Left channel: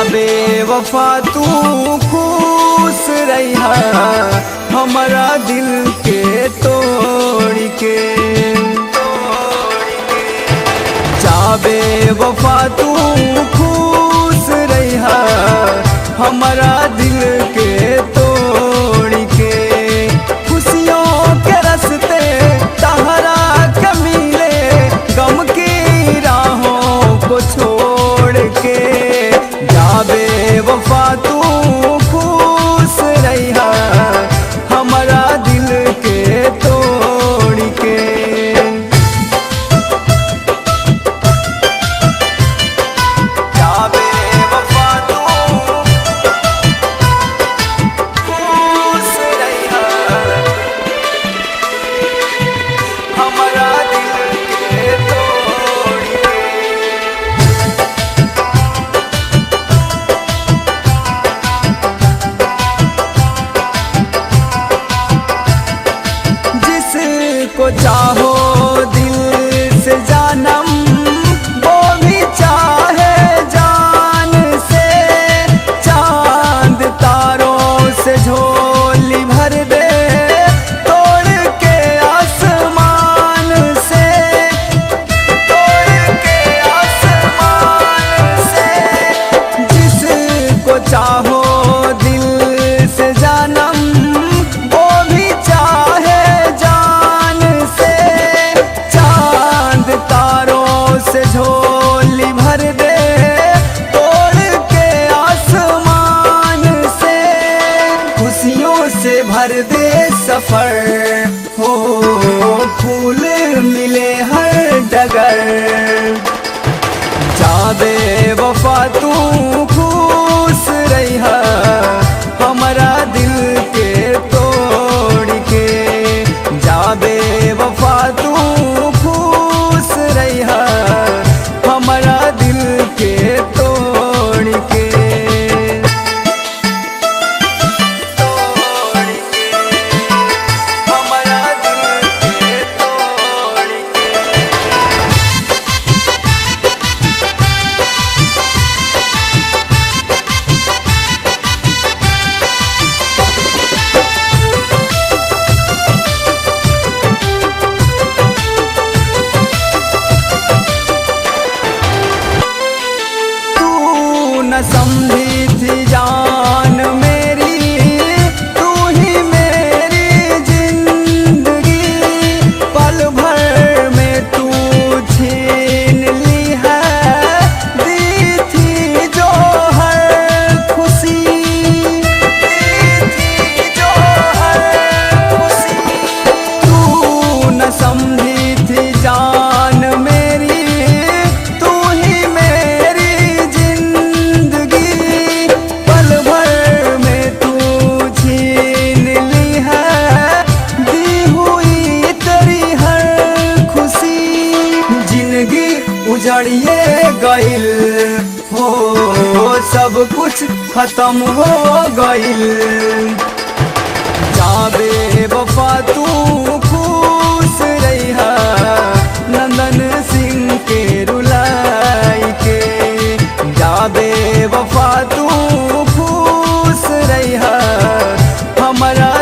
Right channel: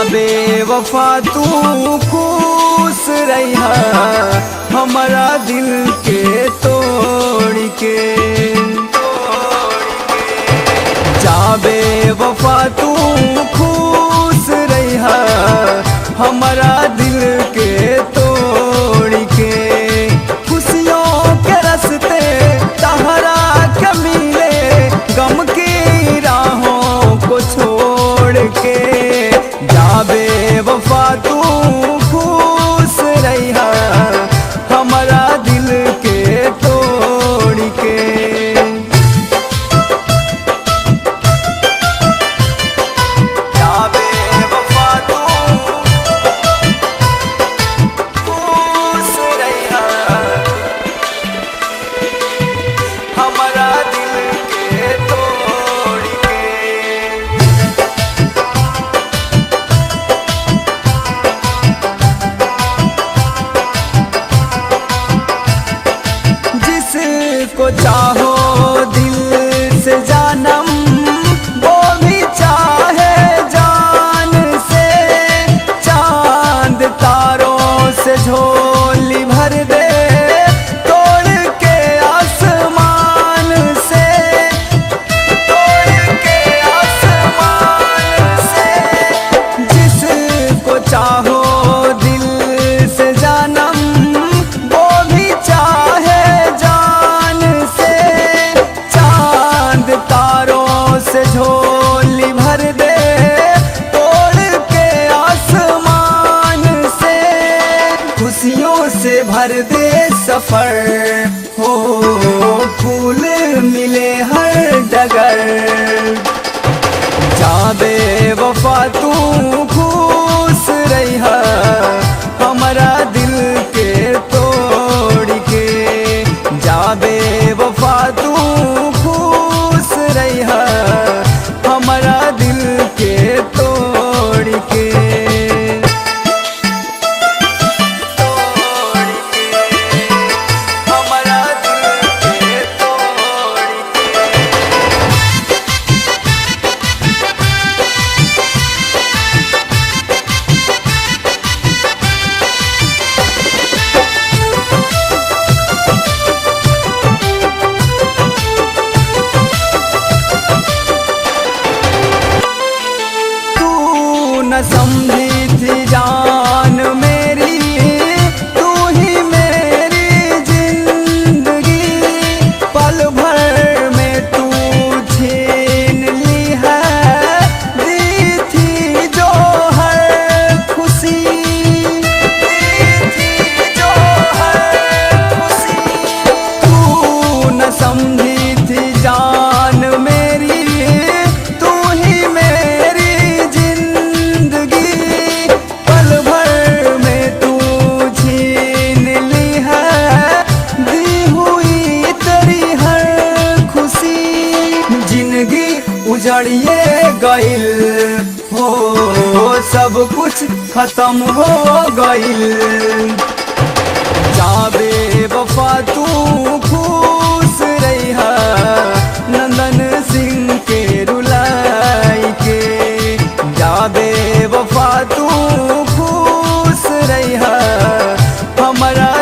जाबे वफा तू खुश रहिहा हमारा दिल के तोड़ के। जाबे वफा तू खुश रहिहा हमारा दिल के तोड़ के। खुशियों के रस्ते तहरा के मिले गम की राहों को छोड़ के। जाबे वफा तू खुश रहिहा हमारा दिल के तोड़ के। जाबे वफा तू खुश रहिहा हमारा दिल के तोड़ के। जिसको चाहो दिल से जानम वो भी चाहे जान से। चांद तारों से झोली भर दे तोड़ के आसमान से। तोड़ के आसमान से जिसको चाहो दिल से जानम वो भी चाहे जान से। चांद तारों से झोली भर दे तोड़ के आसमान से। खुशियों से भर दे सफर हो फूल मिले हर डगर। जाबे वफा तू खुश रहिहा हमारा दिल के तोड़ के। जाबे वफा तू खुश रहिहा हमारा दिल के तोड़ के। तोड़ के हमारा दिल के तोड़ के। न समझी थी जान मेरी तू ही मेरी जिंदगी। पल भर में तू छीन ली है दी थी जो हर खुशी। दी थी जो हर खुशी। तू न समझी थी जान मेरी तू ही मेरी उजड़िए गइल हो सब कुछ खत्म हो गइल। जाबे वफा तू खुश रहिहा नंदन सिंह के रुलाई के। जाबे वफा तू खुश रहिहा हमारा